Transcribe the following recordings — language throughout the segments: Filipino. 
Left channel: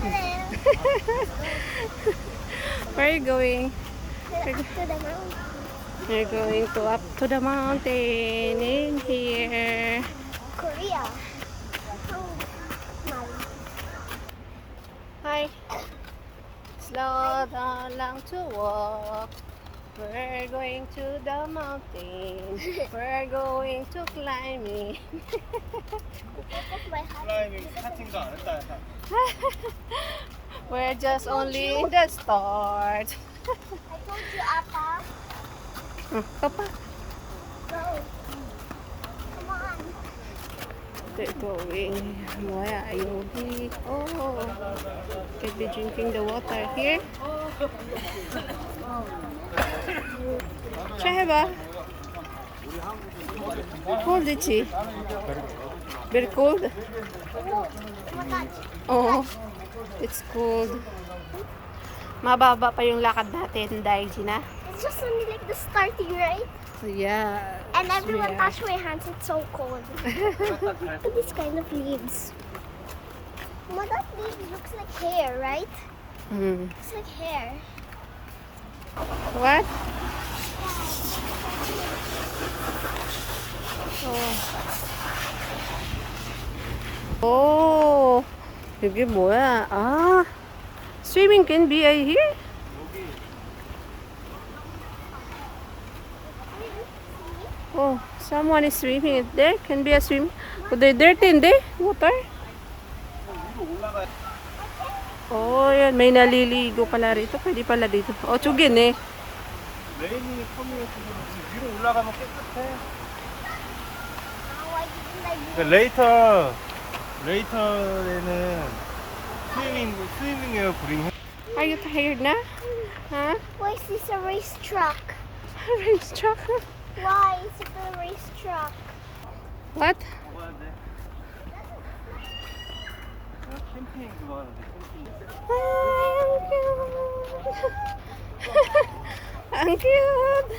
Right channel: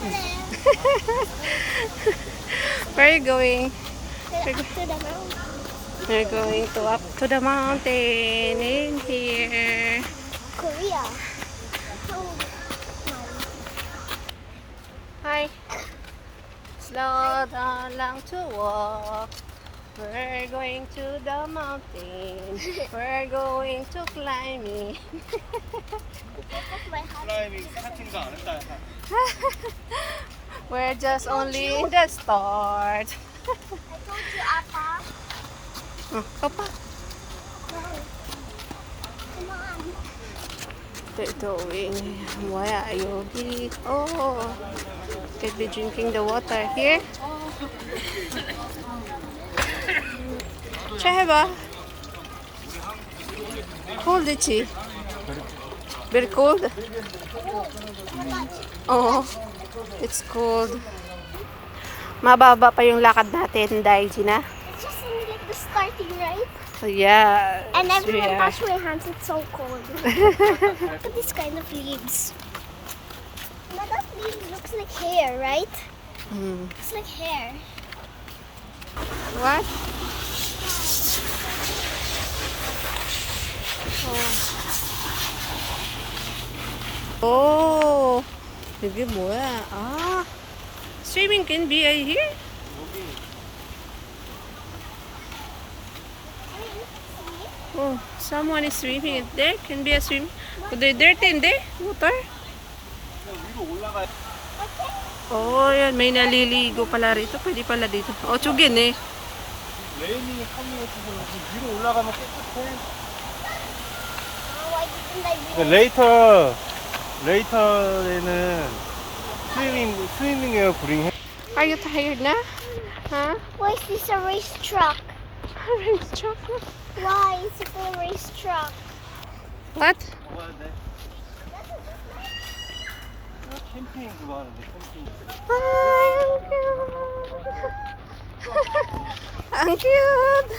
Where are you going? We're up to the mountain. We're going to up to the mountain in here. Korea. Oh, my. Hi. Slow down lang to walk. We're going to the mountain. We're going to climb it. That's my heart. We're just only in the start. I told you, Appa. Oh, papa. Go. Come on. They're doing Moya Yogi. Oh, could be drinking the water here. Shaheba. Cold is she? Very cold? Oh, Oh, it's cold. Mababa pa yung lakad natin dahil Gina. it's just only like the starting, right? So yeah. And everyone yeah. touch my hands, it's so cold. Look at this kind of leaves. Well, that leaves looks like hair, right? Mm. Looks like hair. What? Oh. Oh. 여기 뭐야? 아. Swimming can be here? Oh, someone is swimming there. Can be a swim. Oh, they're dirty in there? Water? Oh, yan. May naliligo pala rito. Pwede pala dito. Oh, tsugin eh. 레인이 컴이어지고 위로 올라가면 깨끗해. Oh, I didn't like 근데 레이터에는 스위밍웨어 구ring 해. Are you tired na? Huh? Why is this a race truck? Race truck? Why is it a race truck? What? 먹어야 돼. 캠핑 그거 하는데 캠핑. Ay, ang cute. Ang cute.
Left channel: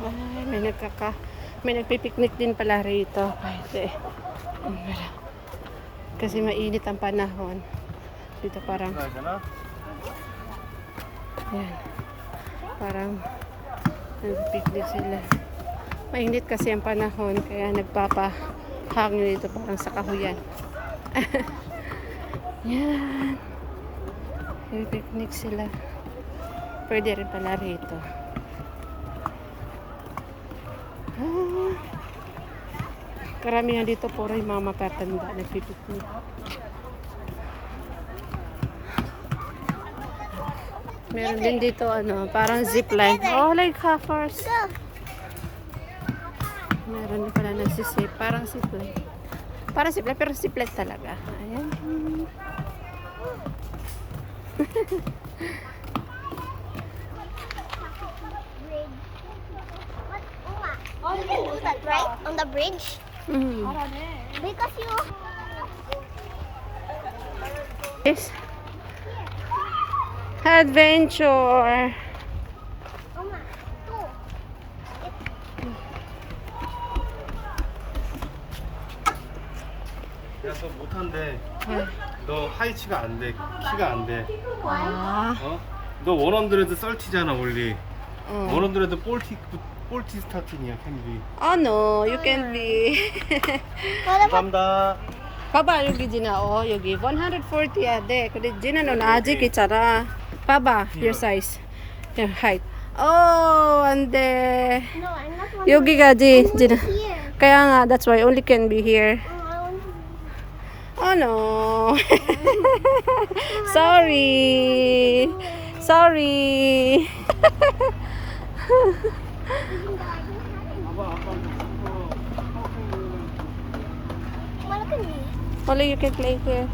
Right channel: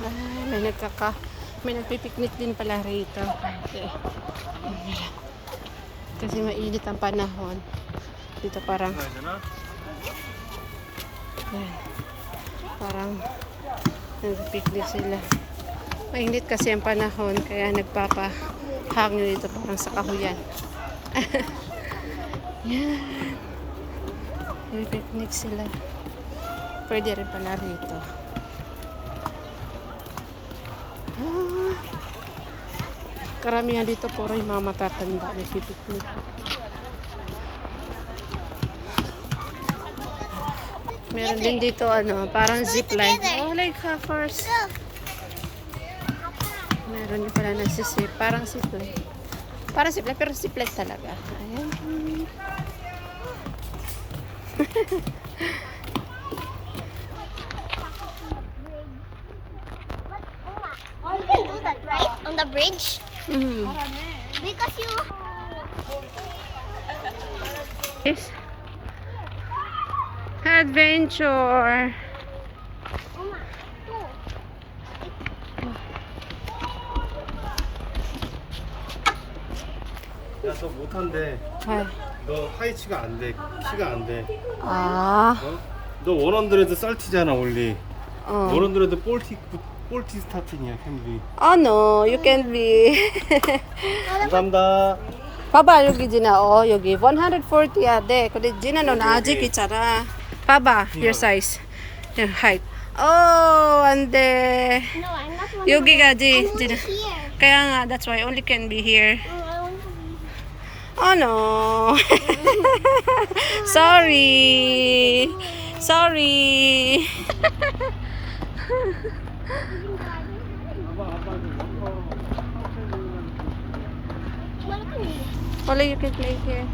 Ay, may nagpipiknik din pala rito. Kasi mainit ang panahon. Dito parang yan. Parang nagpipiknik sila. Mainit kasi ang panahon kaya nagpapahangin dito parang sa kahuyan. Yan. Nagpipiknik sila. Pwede rin pala rito. Ah. Karamihan dito puro yung mga matatanda nagpipiknik. Meron din dito parang zipline. Oh, like hoppers. Meron din pala nagsisip. Parang zipline. Parang zipline pero zipline talaga. Ayan. You can do that, right? On the bridge? Mm. Because you... This adventure. Oma, two. 야, 너 못한대. 어. 너 하이치가 안 돼. 키가 안 돼. 아. 어? 너 130잖아 원리. 어. 140 스타팅이야 캠비. Oh no, you can be. 감사합니다. 봐봐 여기 지나 여기 140야 돼. 근데 지나는 아직 있잖아. 봐봐 your size, your height. Oh, 안돼. No, I'm not one. 여기까지 I'm 지나. only here. 그야 nga, that's why only can be here. Oh, I want to be Oh no. Sorry. Sorry. 아빠 좀 워터 파워풀 Look at me. Only you can play here.